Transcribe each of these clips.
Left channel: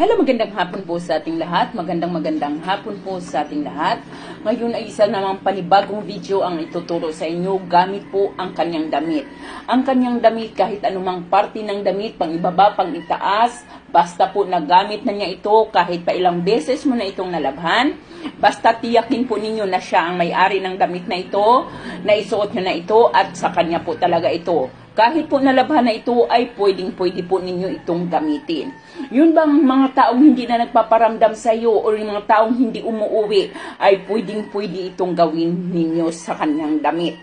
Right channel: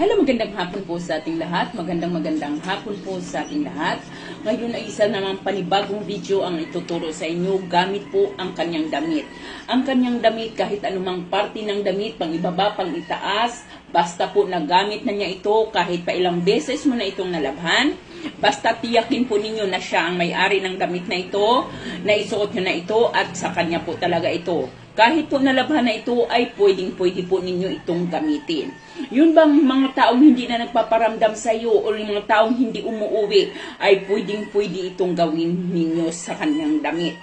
Hello, magandang hapon po sa ating lahat. Magandang hapon po sa ating lahat. Ngayon ay isa namang panibagong video ang ituturo sa inyo gamit po ang kanyang damit. Ang kanyang damit, kahit anumang parte ng damit, pang ibaba, pang itaas, basta po nagamit na niya ito kahit pa ilang beses mo na itong nalabhan. Basta tiyakin po ninyo na siya ang may-ari ng damit na ito, na isuot nyo na ito at sa kanya po talaga ito. Kahit po nalabhan na ito ay pwede po ninyo itong gamitin. Yun bang mga taong hindi na nagpaparamdam sa iyo o yung mga taong hindi umuuwi ay pwede itong gawin ninyo sa kanyang damit.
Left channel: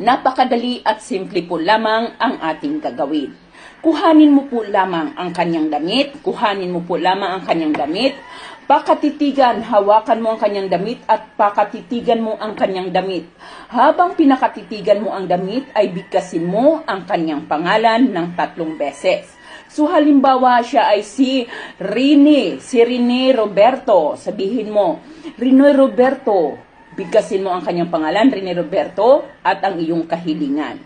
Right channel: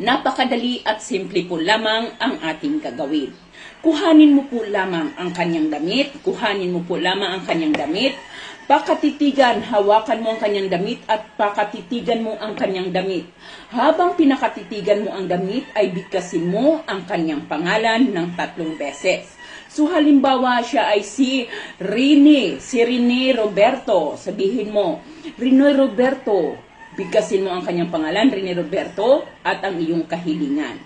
Napakadali at simple po lamang ang ating gagawin. Kuhanin mo po lamang ang kanyang damit, pakatitigan, hawakan mo ang kanyang damit at pakatitigan mo ang kanyang damit. Habang pinakatitigan mo ang damit ay bigkasin mo ang kanyang pangalan ng 3 beses. So halimbawa siya ay si Rene Roberto. Sabihin mo, Rene Roberto. Bigkasin mo ang kanyang pangalan, Rene Roberto, at ang iyong kahilingan.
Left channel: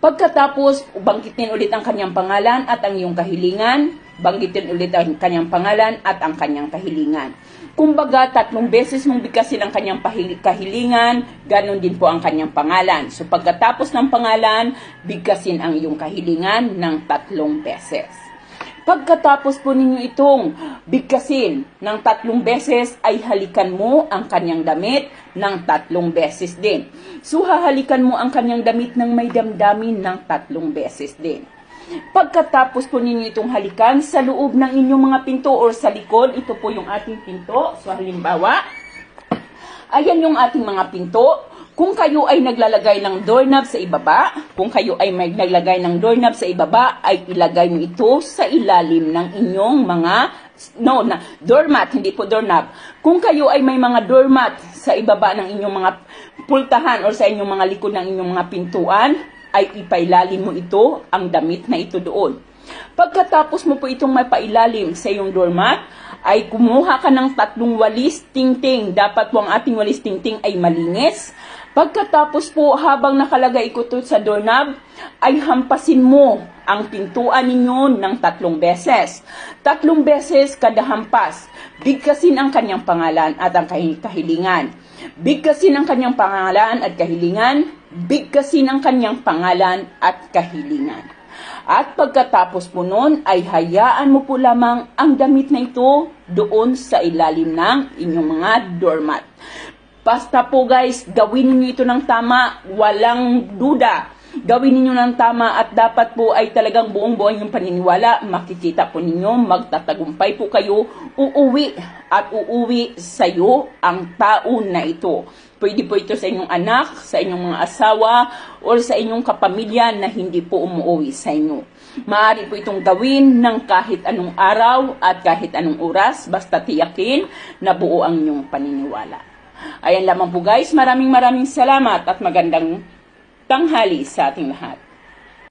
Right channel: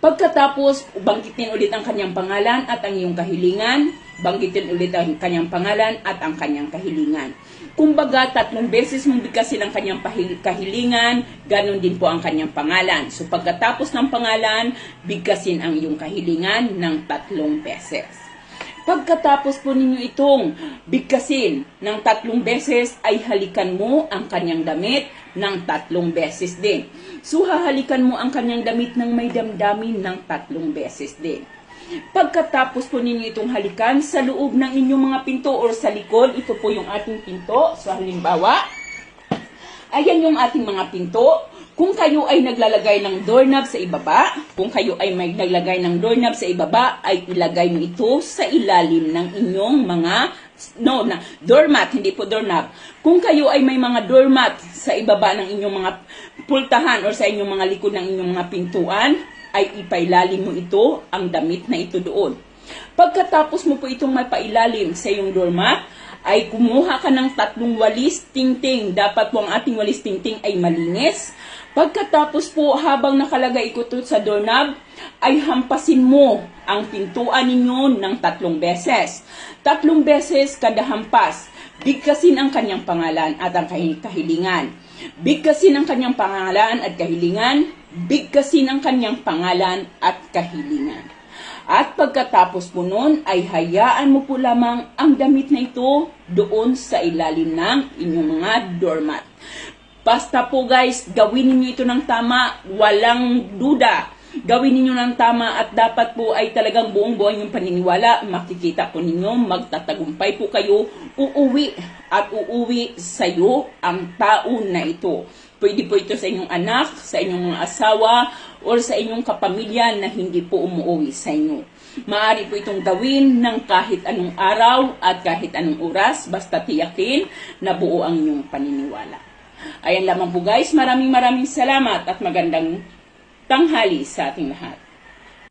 Pagkatapos, banggitin ulit ang kanyang pangalan at ang iyong kahilingan. Banggitin ulit ang kanyang pangalan at ang kanyang kahilingan. Kumbaga, 3 beses mong bigkasin ang kanyang kahilingan, ganon din po ang kanyang pangalan. So, pagkatapos ng pangalan, bigkasin ang iyong kahilingan ng 3 beses. Pagkatapos po ninyo itong bigkasin ng 3 beses, ay halikan mo ang kanyang damit ng 3 beses din. So, hahalikan mo ang kanyang damit ng may damdamin ng 3 beses din. Pagkatapos po ninyo itong halikan sa loob ng inyong mga pinto or sa likod, ito po yung ating pinto. So, halimbawa, ayan yung ating mga pinto. Kung kayo ay naglalagay ng doorknob sa ibaba, ay ilagay nyo ito sa ilalim ng inyong mga, doormat, hindi po doorknob. Kung kayo ay may mga doormat sa ibaba ng inyong mga pultahan or sa inyong mga likod ng inyong mga pintuan, ay ipailalim mo ito, ang damit na ito doon. Pagkatapos mo po itong mapailalim sa iyong doormat, ay kumuha ka ng 3 walis tingting. Dapat po ang ating walis tingting ay malinis. Pagkatapos po, habang nakalagay ito sa doorknob, ay hampasin mo ang pintuan ninyo ng 3 beses. 3 beses kada hampas. Bigkasin ang kanyang pangalan at ang kahilingan. Bigkasin ang kanyang pangalan at kahilingan. Bigkasin ang kanyang pangalan at kahilingan. At pagkatapos po nun, ay hayaan mo po lamang ang damit na ito doon sa ilalim ng inyong mga doormat. Basta po guys, gawin niyo ito ng tama, walang duda. Gawin niyo ng tama at dapat po ay talagang buong buhay yung paniniwala. Makikita po ninyo, magtatagumpay po kayo, uuwi sa iyo ang taon na ito. Pwede po ito sa inyong anak, sa inyong mga asawa, o sa inyong kapamilya na hindi po umuwi sa inyo. Maaari po itong gawin ng kahit anong araw at kahit anong oras, basta tiyakin na buo ang inyong paniniwala. Ayan lamang po guys, maraming salamat at magandang tanghali sa ating lahat.